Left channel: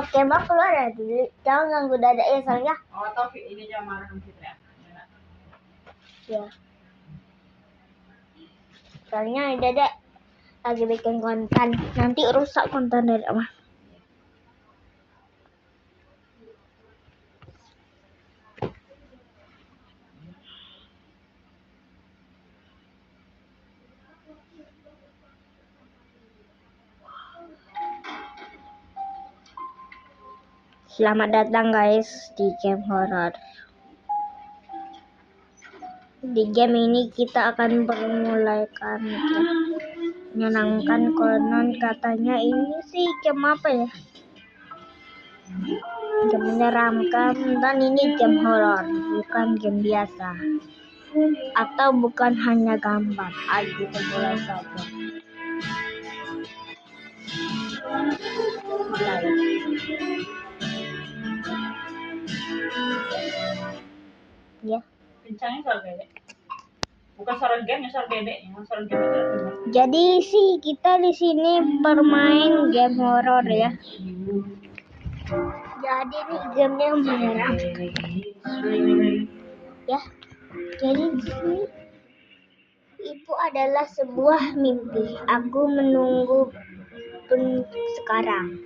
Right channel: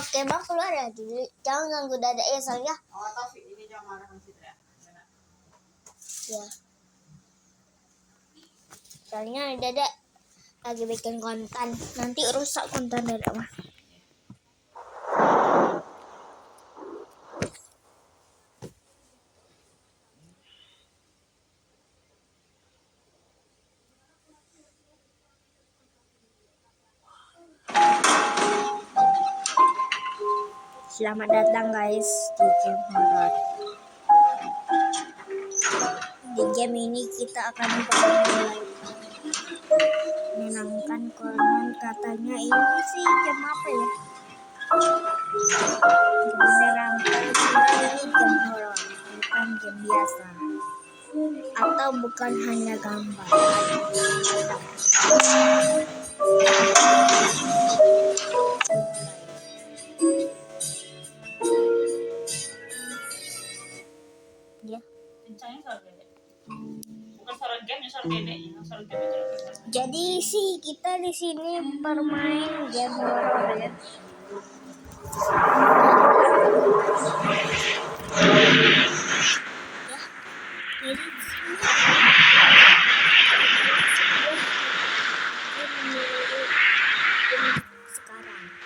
Oke, Bang keluar ya dulu. Jangan ganggu Dada ya soalnya. Oh, Taufik ini dia marah sama Fitri. Ya. Soalnya Dada lagi bikin konten. Nanti rusak konten Dada mah. Selamat datang guys di game horror. Di game ini kita akan memulaikan menyenangkan, konon katanya ini sih game apa ya? Game menyeramkan dan ini game horror, bukan game biasa. Atau bukan hanya gambar. Aduh, ya. Kencangnya suara bebek. Bukan suara game, suara bebeknya. Suara game itu kencang. Jadi sih kita di sini bermain game horor ya. Game yang gimana? Ya. Jadi di sini itu adalah sebuah mimpi. Aku menunggu sekarang.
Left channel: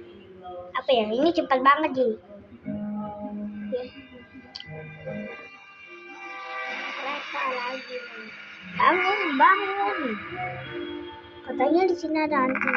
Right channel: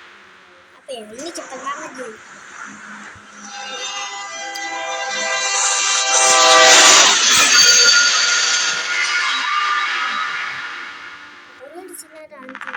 Apa ya? Ini cepat banget juga. Bangun. Katanya di sini ada hantu.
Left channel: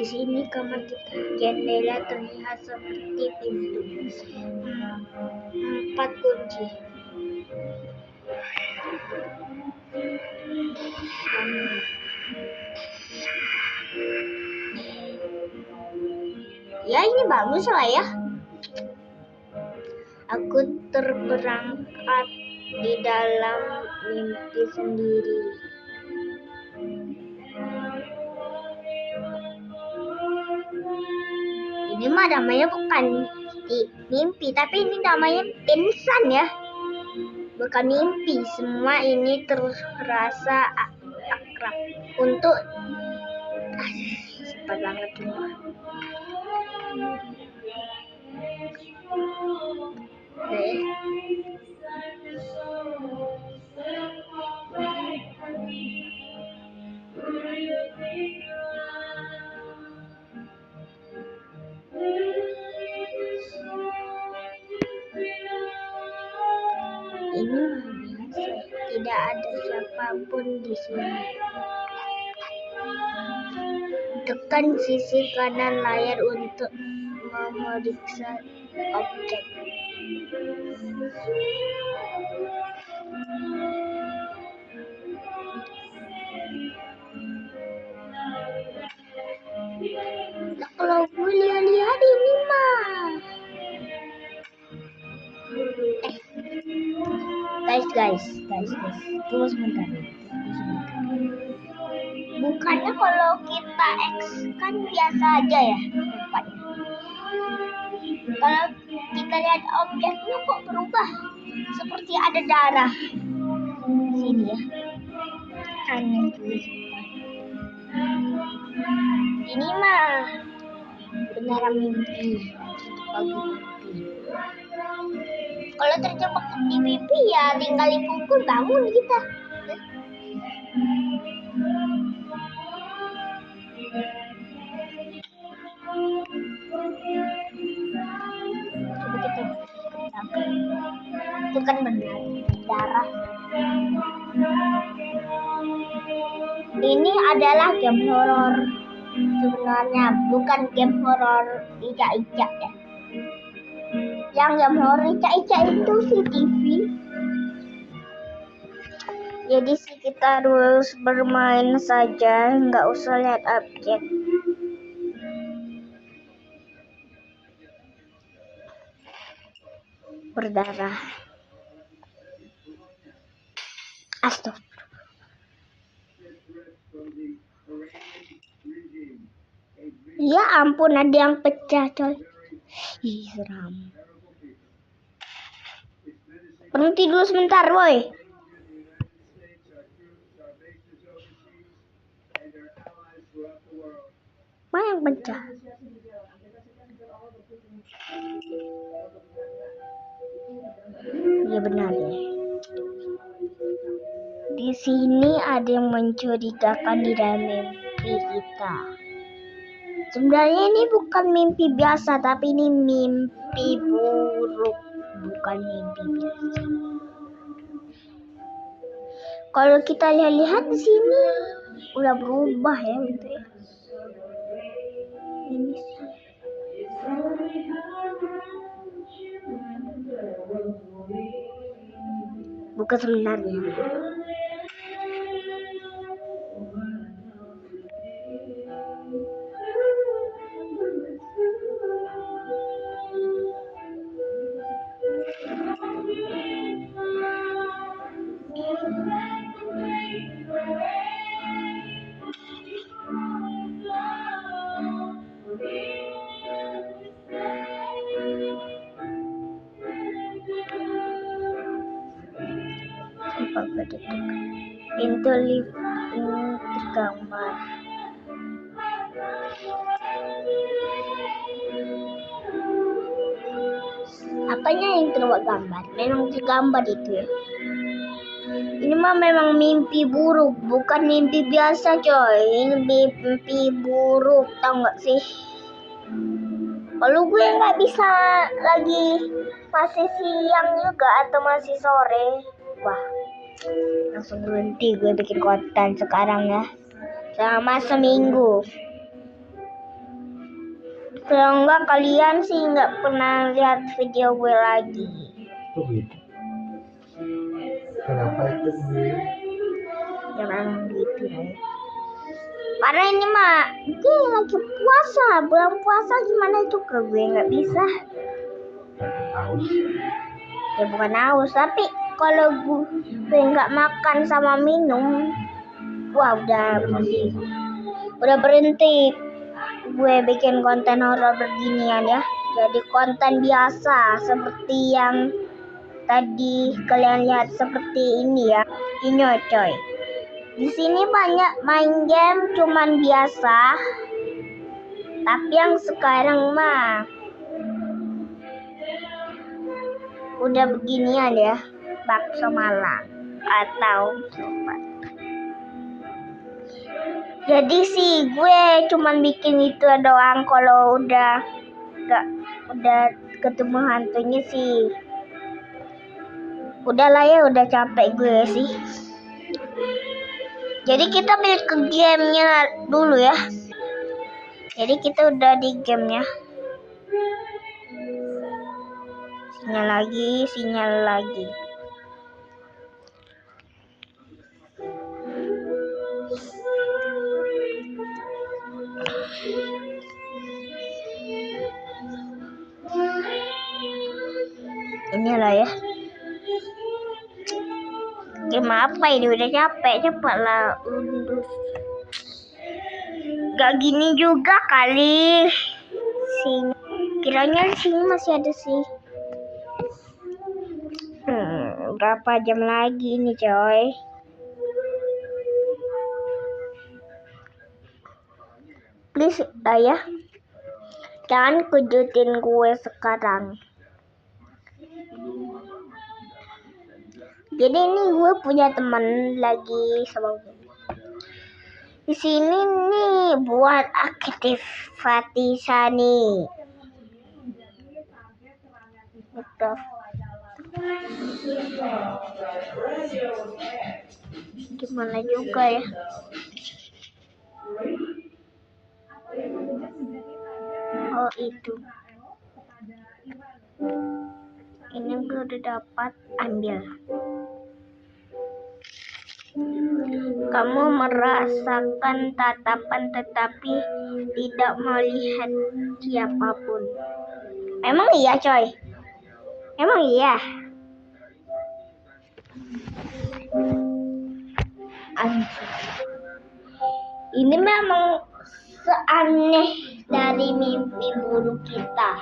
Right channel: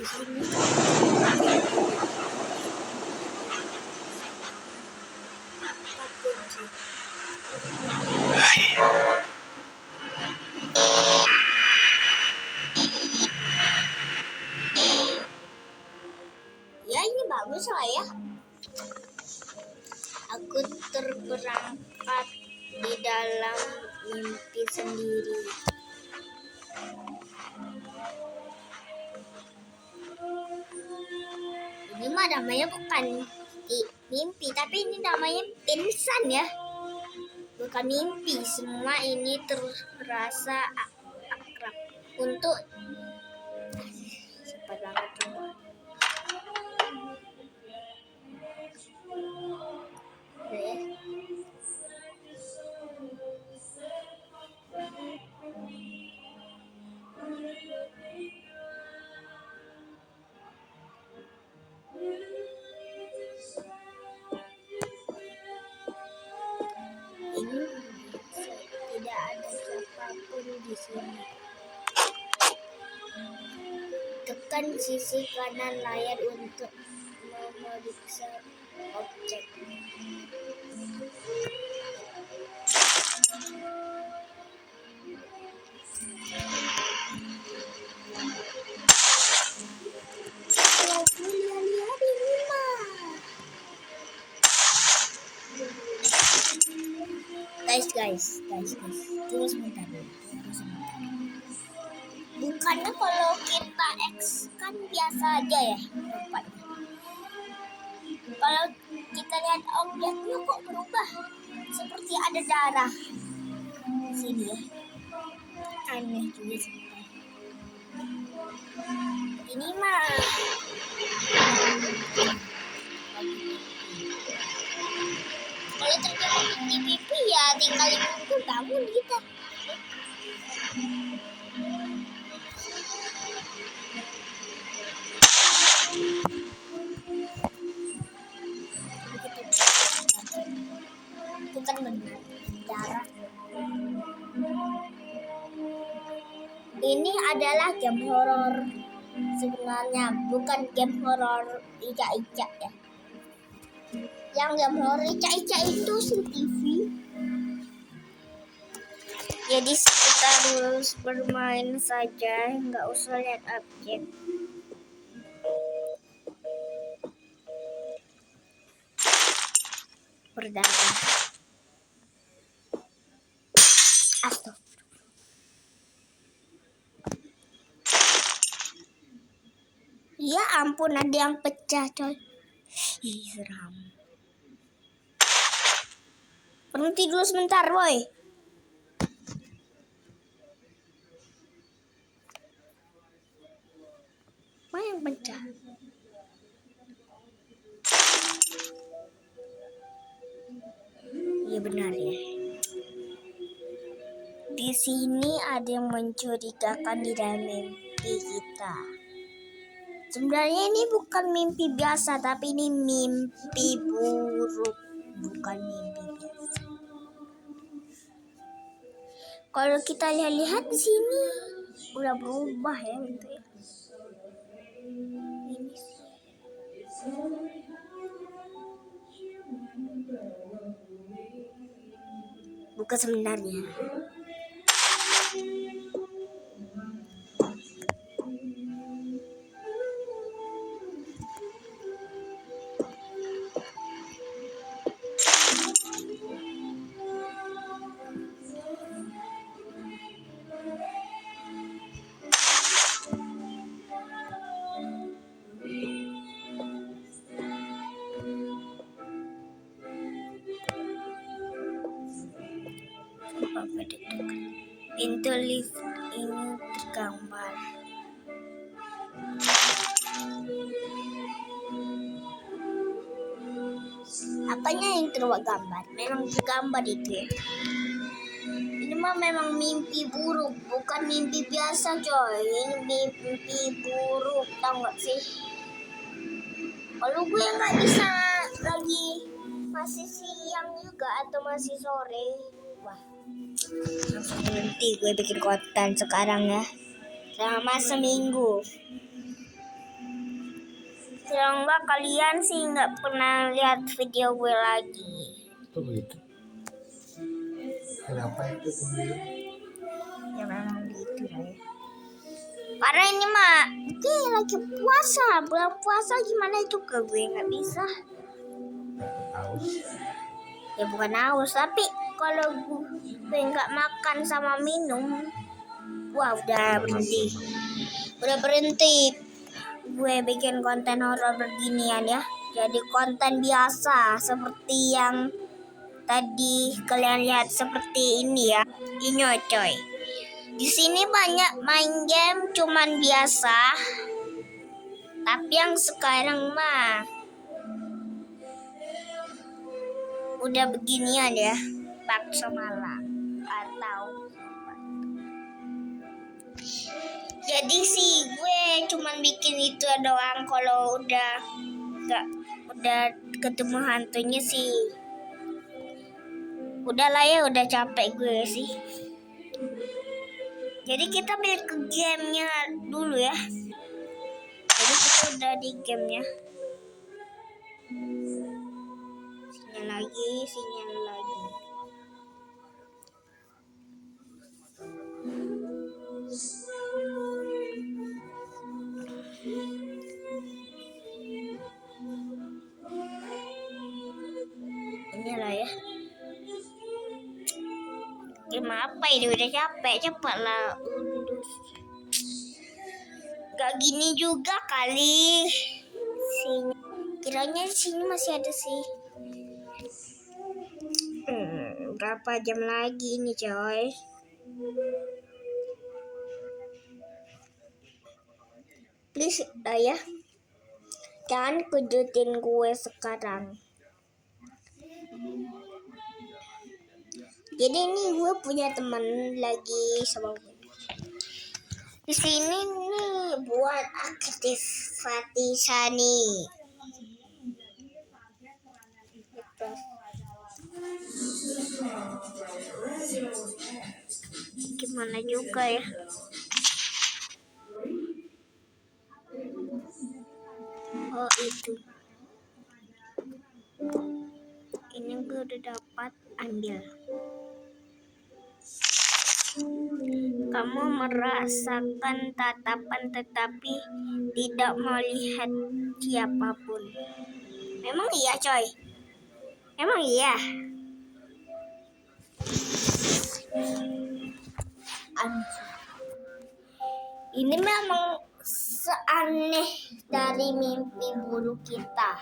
Di sini kamera empat kunci. Ya ini bagus lah ya. Aku terperangkap di dalam mimpi sendiri. Ini mah namanya bukan mimpi, tapi ini namanya pingsan ya. Bukan mimpi, semua ini terasa akrab untuk cepat banget semua. Ini tidak ada siapapun di sini. Tekan sisi kanan layar untuk memeriksa objek. Kalau boleh lihat ini mah. Guys. Tunggu sebentar. Bukannya kalau kita X kan biasa aja ya rupanya. Kalau kita lihat objeknya kok berubah seperti ada darah di sini ya. Aneh juga sih. Ini mah kalau terjebak di pipi ya tinggal dipukul bangun kita. Bukan benar darah. Ini adalah game horor sebenarnya, bukan game horor icak-icak ya. Yang game horor icak-icak itu si TV. Jadi kita harus bermain saja, nggak usah lihat objek. Berdarah. Astaga. Ya ampun, ada yang pecah coy. Ih, seram. Berhenti dulu sebentar, boy. Mana yang pecah? Iya benar ya. Di sini ada yang mencurigakan di dalam mimpi kita. Sebenarnya ini bukan mimpi biasa, tapi ini mimpi buruk, bukan mimpi biasa. Kalau kita lihat di sini udah berubah ya gitu ya. Ini sih. Bukan sebenarnya. Pintu lift ini tergambar. Apanya yang tergambar? Memang tergambar itu ya. Ini mah memang mimpi buruk, bukan mimpi biasa coy. Ini mimpi buruk, tau gak sih? Kalau gue nggak bisa lagi masih siang juga atau masih sore, wah langsung berhenti gue bikin konten sekarang ya, selama seminggu. Kalau enggak kalian sih nggak pernah lihat video gue lagi. Kenapa itu gue? Ya memang gitu ya. Karena ini mah gue lagi puasa, bulan puasa gimana juga gue nggak bisa. Haus. Ya bukan haus, tapi kalau gue nggak makan sama minum, wah udah berhenti gue bikin konten horor beginian ya. Jadi konten biasa seperti yang tadi kalian lihat seperti ini ya. Ini coy. Di sini banyak main game cuman biasa. Tapi yang sekarang mah udah beginian ya. Bakso Malang atau jadi sih gue cuman bikin itu doang. Kalau udah ketemu hantunya sih udahlah ya, udah capek gue sih. Jadi kita balik ke gamenya dulu ya. Jadi kita udah di gamenya. Sinyal lagi. Inilah ya. Game apa ini, udah capek, cepatlah undur. Gak gini juga kali. Kiranya sini masih ada sih. Berapa jam lagi nih coy? Please ya, jangan kejutin gue sekarang. Jadi ini gue punya teman lagi sama gue. Di sini nih buat aktivasi nih. Gimana juga ya? Oh itu. Ini gue udah dapat, ambil. Kamu merasakan tatapan tetapi tidak melihat siapapun. Emang iya, coy? Emang iya? Anjir. Ini memang seaneh dari mimpi buruk kita.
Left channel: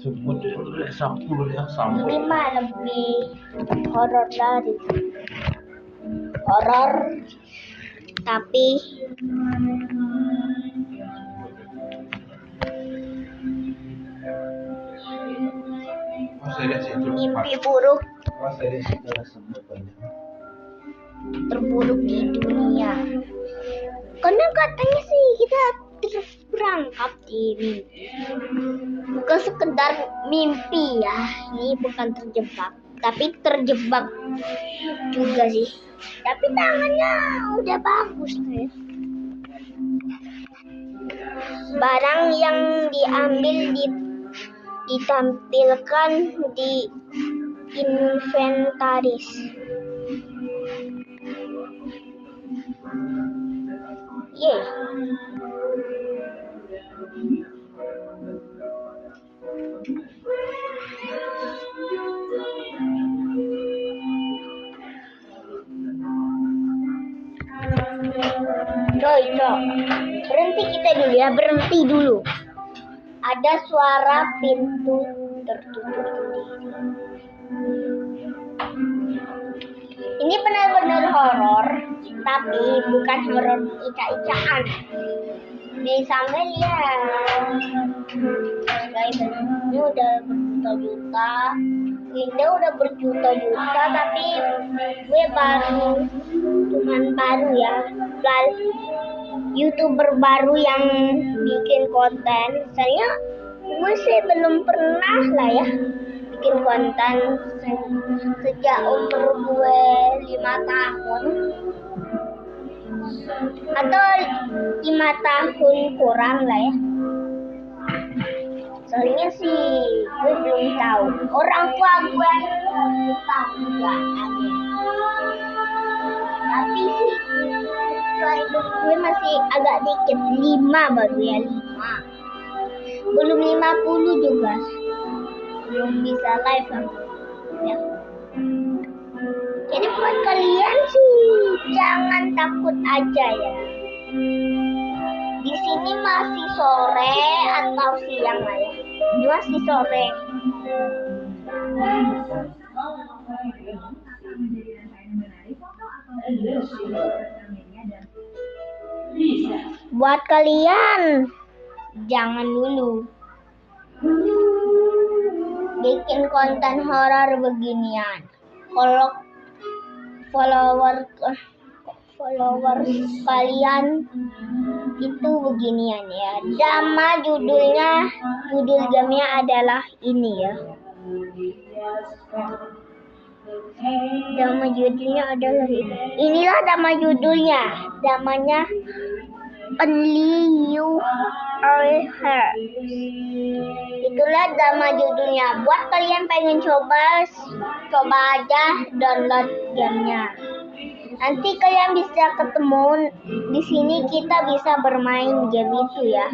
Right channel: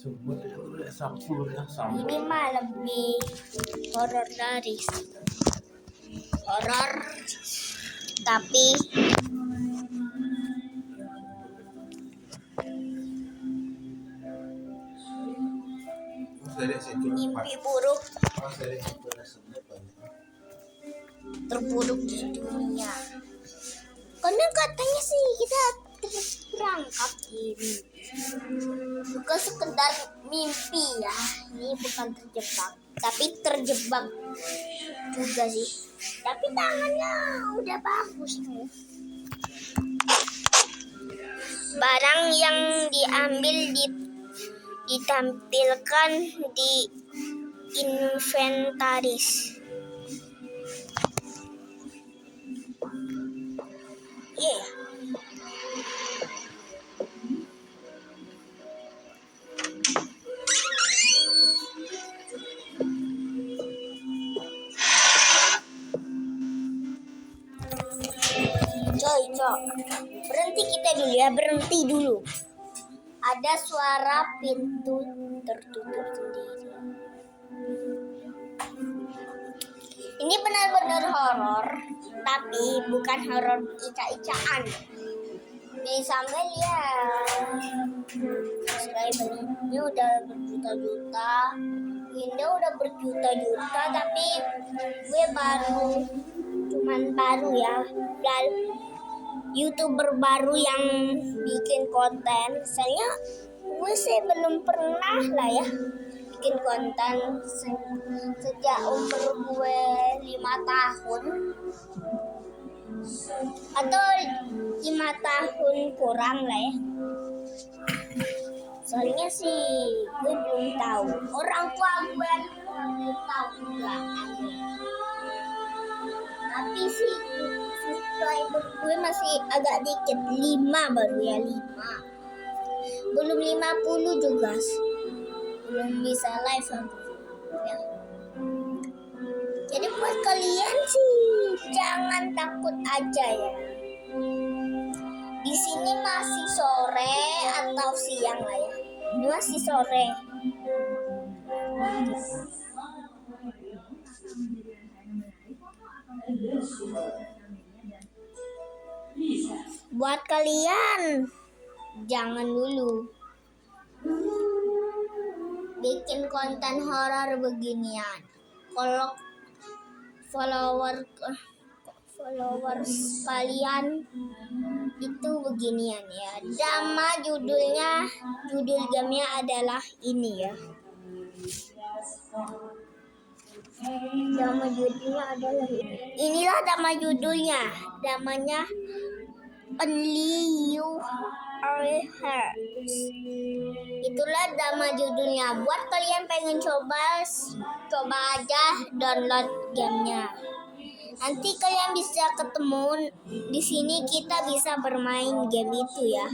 Sebut sampulnya sampai. Ini mah lebih horor dari horor, tapi mimpi buruk terburuk di dunia. Karena katanya sih kita terperangkap ini, bukan sekedar mimpi ya. Ini bukan terjebak, tapi terjebak juga sih. Tapi tangannya udah bagus nih. Barang yang diambil ditampilkan di inventaris. Coy, berhenti kita dulu ya, berhenti dulu. Ada suara pintu tertutup sendiri. Ini benar-benar horor, tapi bukan horor ica-icaan. Di sana lihat, subscribernya udah berjuta-juta, Winda udah berjuta-juta, tapi gue cuman baru ya, YouTuber baru yang bikin konten. Saya gue sih belum pernah lah ya bikin konten sejak umur gue 5 tahun atau 5 tahun kurang lah ya. Soalnya sih gue belum tahu, orang tua gue tahu ya, tapi sih gue masih agak dikit, 5 baru ya, 5 belum 50 juga, belum bisa live aku ya. Jadi buat kalian sih jangan takut aja ya. Di sini masih sore atau siang lah ya. Ini masih sore. Buat kalian jangan dulu bikin konten horor beginian. Kalau followers kalian itu beginian ya. Judul gamenya adalah ini ya. Nama judulnya adalah ini. Inilah nama judulnya. Namanya Only You Are Here. Itulah nama judulnya. Buat kalian pengen coba aja download gamenya. Nanti kalian bisa ketemu di sini, kita bisa bermain game itu ya.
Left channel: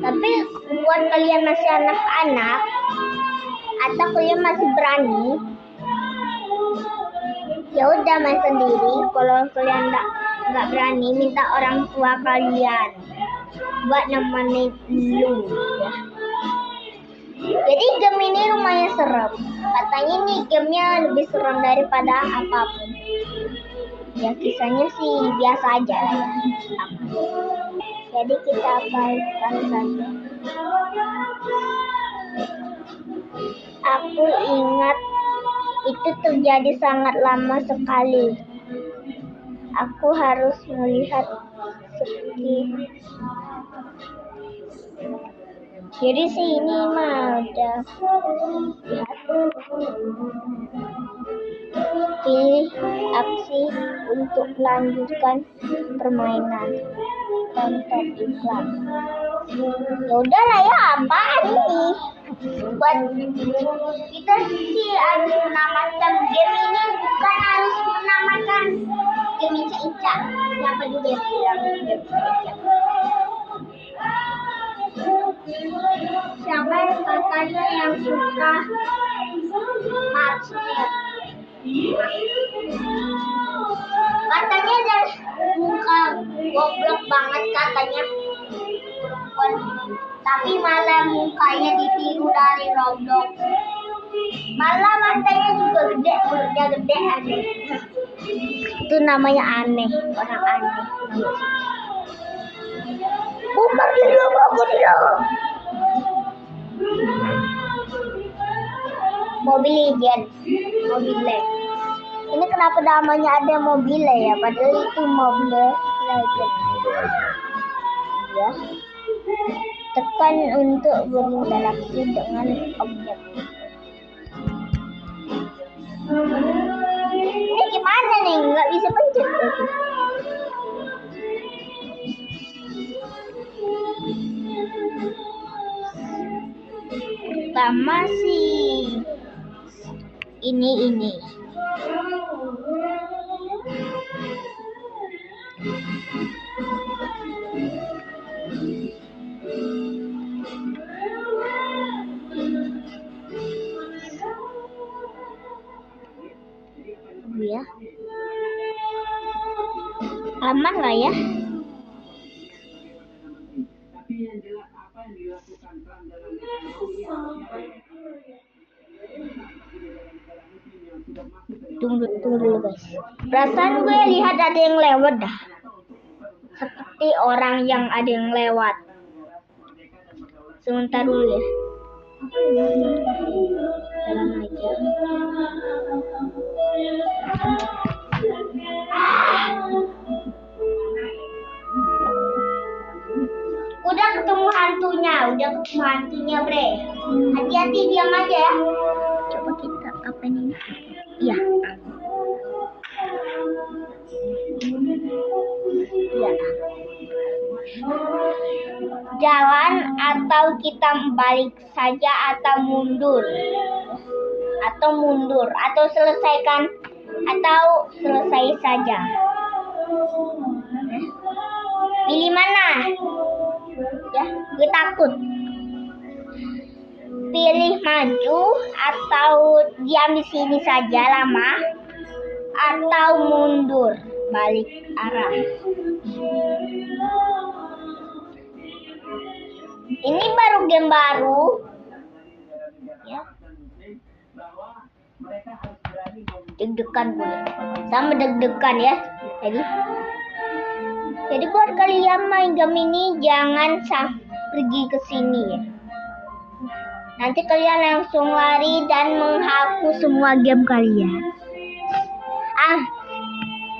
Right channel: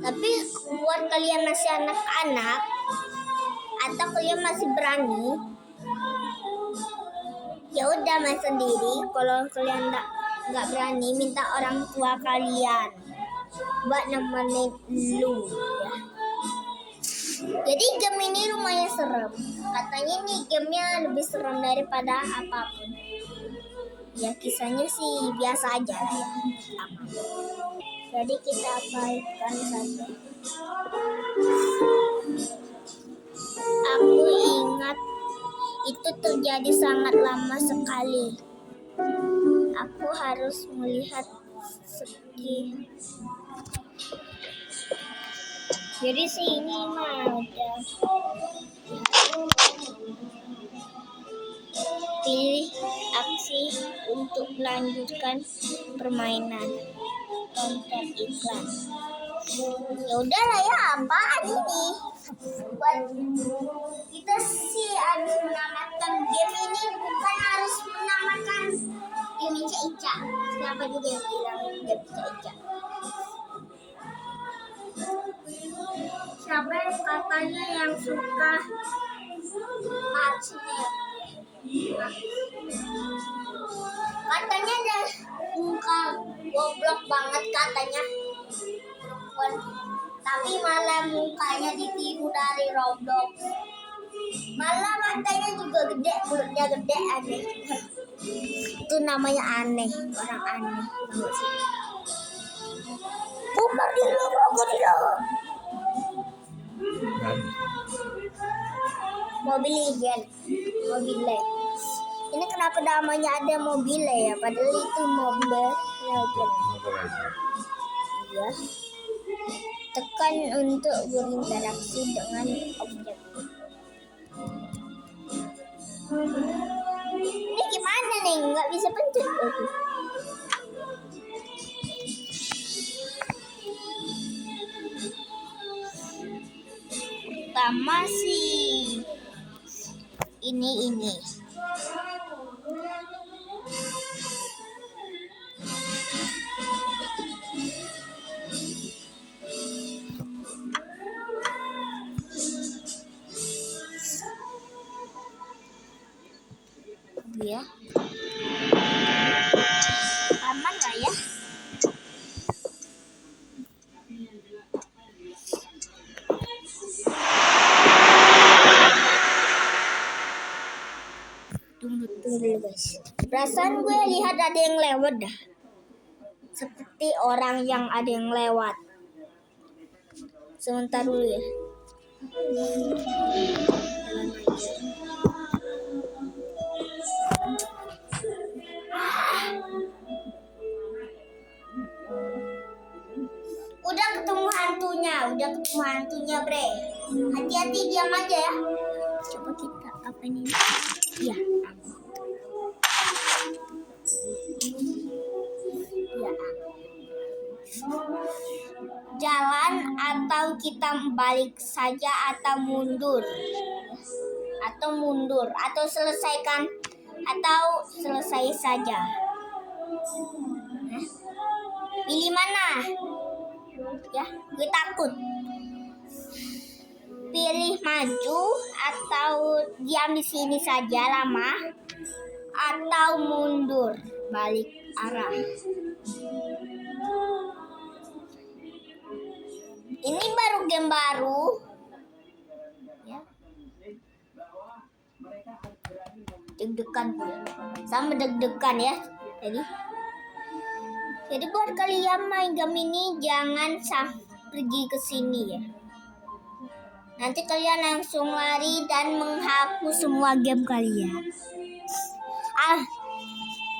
Tapi buat kalian masih anak-anak atau kalian masih berani, ya udah main sendiri. Kalau kalian nggak berani, minta orang tua kalian buat nemenin dulu ya. Jadi game ini lumayan serem. Katanya nih gamenya lebih serem daripada apapun. Ya kisahnya sih biasa aja lah ya. Jadi kita abaikan saja. Aku ingat itu terjadi sangat lama sekali. Aku harus melihat jadi sih ini mah udah pilih aksi untuk melanjutkan permainan, tonton iklan. Ya udah lah ya, apaan ini? Buat kita sih harus menamakan game ini, bukan harus menamakan game Ica. Siapa juga yang bilang game Ica? Siapa yang katanya yang suka Marsnya? Katanya ada muka goblok banget katanya perempuan, tapi malah mukanya ditiru dari Roblox. Malah matanya juga gede, mulutnya gede, aneh. Itu namanya aneh, orang aneh. Kumar di Mobile Legends. Ini kenapa namanya ada mobile ya? Padahal itu Mobile Legends. Ya. Tekan untuk berinteraksi dengan objek. Ini gimana nih? Nggak bisa pencet. Pertama sih ini. Ya. Aman nggak ya? Tunggu dulu guys. Perasaan gue lihat ada yang lewat dah. Seperti orang yang ada yang lewat. Sebentar dulu ya. Udah ketemu hantunya, bre. Hati-hati, diam aja ya. Coba kita apa ini? Ya. Ya. Jalan atau kita balik saja atau mundur atau selesai saja. Pilih mana? Ya, gue takut. Pilih maju atau diam di sini saja lama atau mundur balik arah. Ini baru game baru. Ya. Deg-degan gue. Sama deg-degan ya. Jadi buat kalian main game ini jangan pergi ke sini ya. Nanti kalian langsung lari dan menghapus semua game kalian.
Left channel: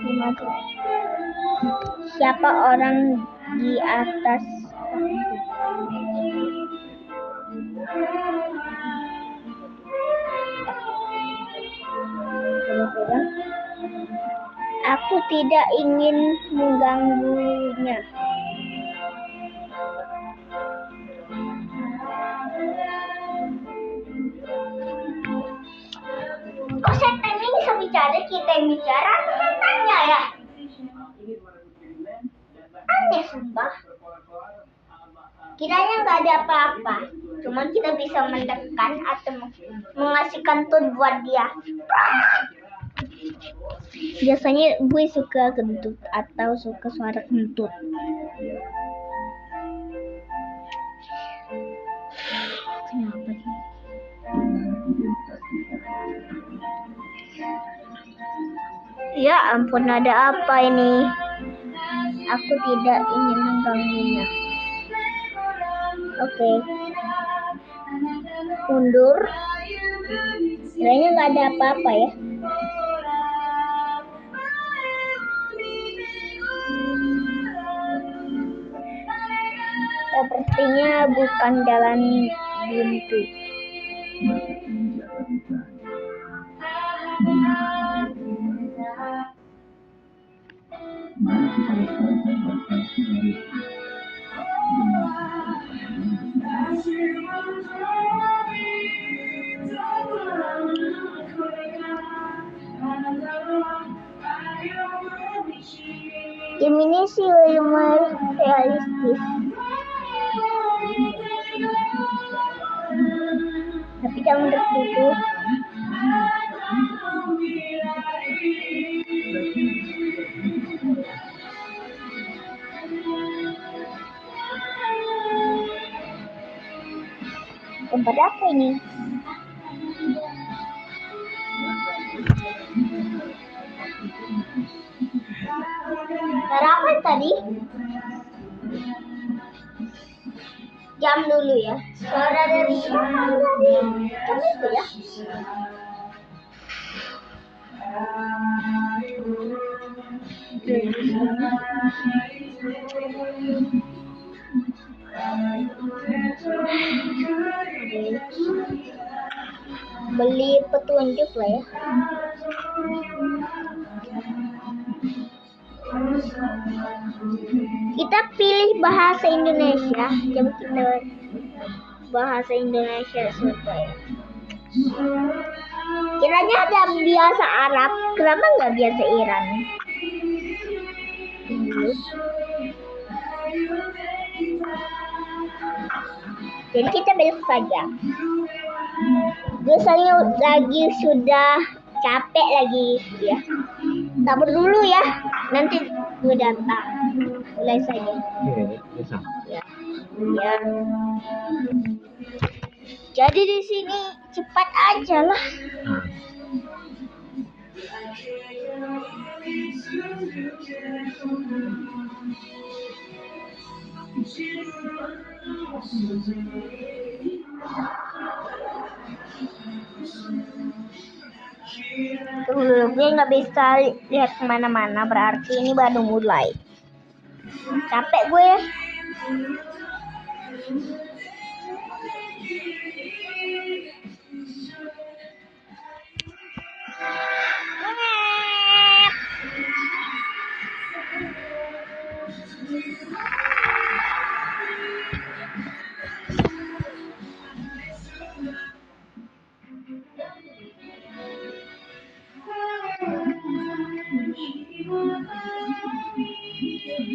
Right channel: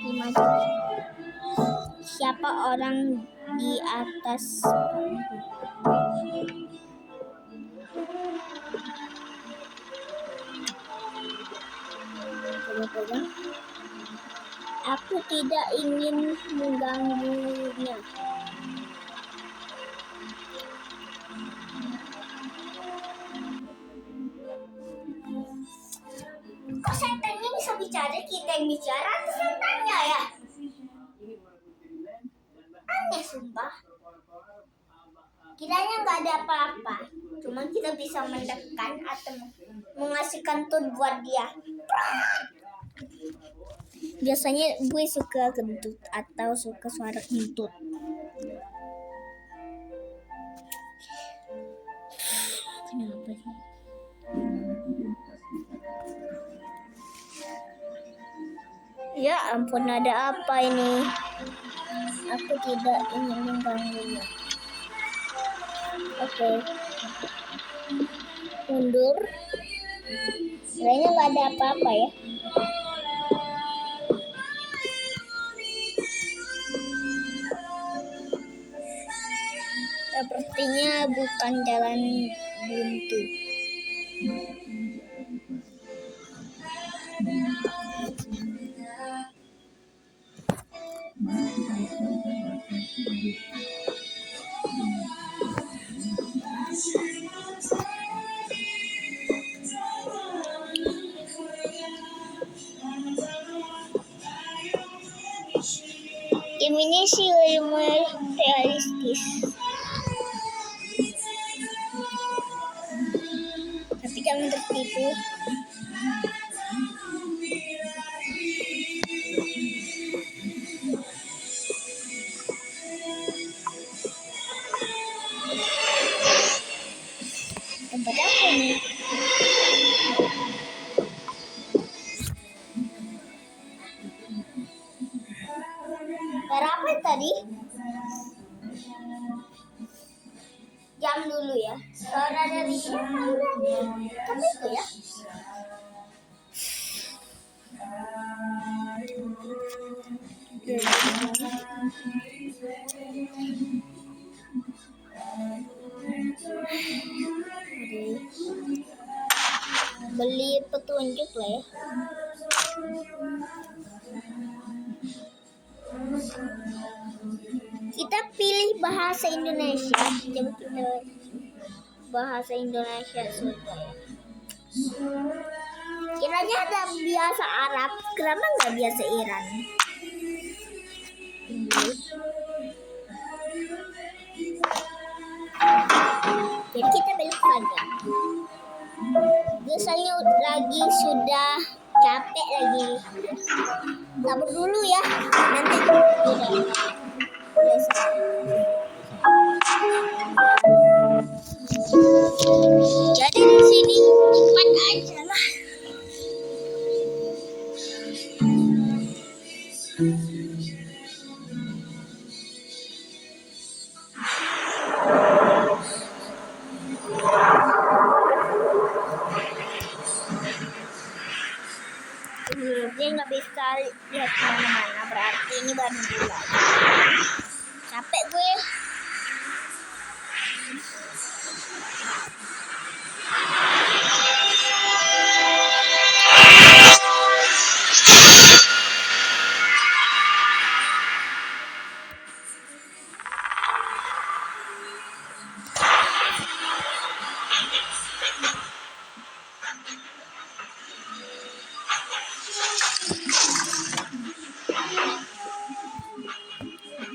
Gimana? Siapa orang di atas? Aku tidak ingin mengganggunya. Kok setan ini bisa bicara, kita yang bicara atau setannya ya? Aneh sumpah. Kiranya nggak ada apa-apa. Cuma kita bisa mendekat atau mengasihkan tone buat dia. Biasanya gue suka kentut atau suka suara kentut. Kenapa sih? Ya ampun, ada apa ini? Aku tidak ingin mengganggunya. Oke. Mundur. Kiranya nggak ada apa-apa ya. Sepertinya bukan jalan buntu. Game ini sih lumayan realistis. Tapi kamu tertipu. Tempat apa ini? Harapan tadi? Jam dulu ya. Suara dari jam itu ya. Beli petunjuk lah ya. Kita pilih bahasa Indonesia. Coba kita bahasa Indonesia supaya. Kiranya ada biasa Arab, kenapa nggak biasa Iran? Jadi kita belok saja. Biasanya lagi sudah capek lagi ya. Sabar dulu ya, nanti gue datang. Mulai saja. Ya. Jadi di sini cepat aja lah. Gue nggak bisa lihat kemana-mana, berarti ini baru mulai. Capek gue.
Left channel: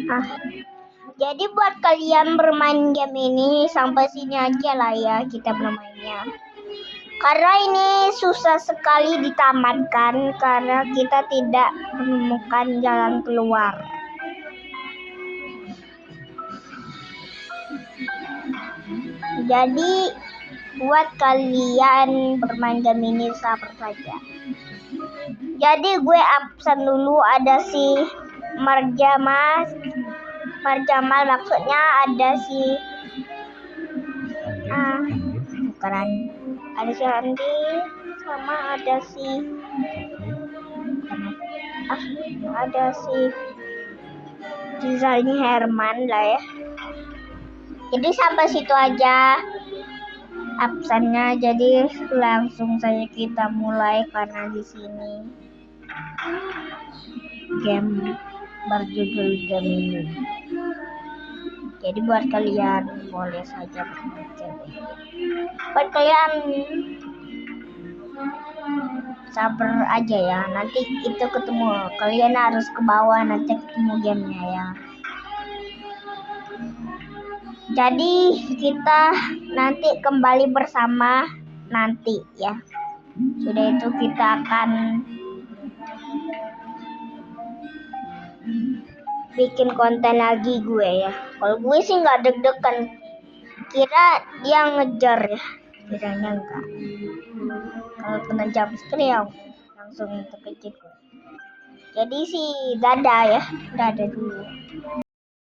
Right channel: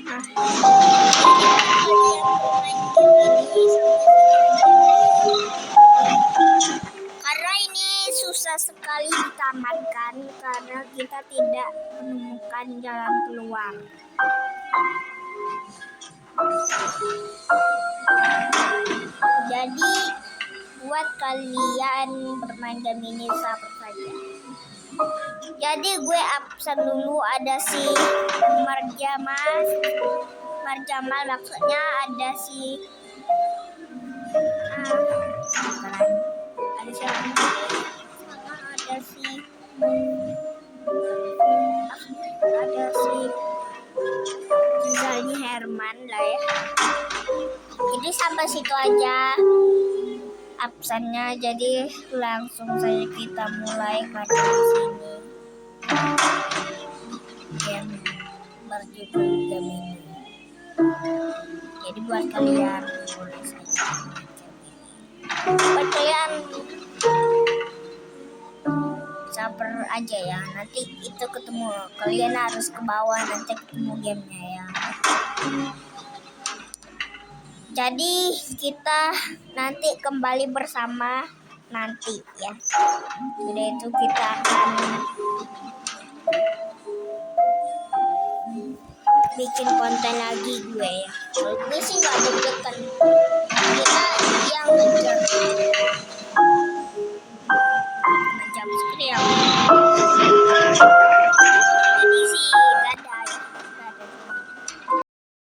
Jadi buat kalian bermain game ini sampai sini aja lah ya kita bermain. Karena ini susah sekali ditamatkan karena kita tidak menemukan jalan keluar. Jadi buat kalian bermain game ini sabar saja. Jadi gue absen dulu, ada si Marjamal maksudnya ada si ada si Andi sama ada si Rizalnya Herman lah ya. Jadi sampai situ aja absennya, jadi langsung saja kita mulai karena di sini game berjudul game ini. Jadi buat kalian boleh saja buat kalian sabar aja ya, nanti kita ketemu. Kalian harus ke bawah nanti ketemu gamenya ya. Jadi kita nanti kembali bersama nanti ya. Sudah itu kita akan bikin konten lagi gue ya. Kalau gue sih nggak deg-degan, kira yang ngejar ya. Jangan kalau kena jam scare. Jadi sih dadah ya, dadah dulu.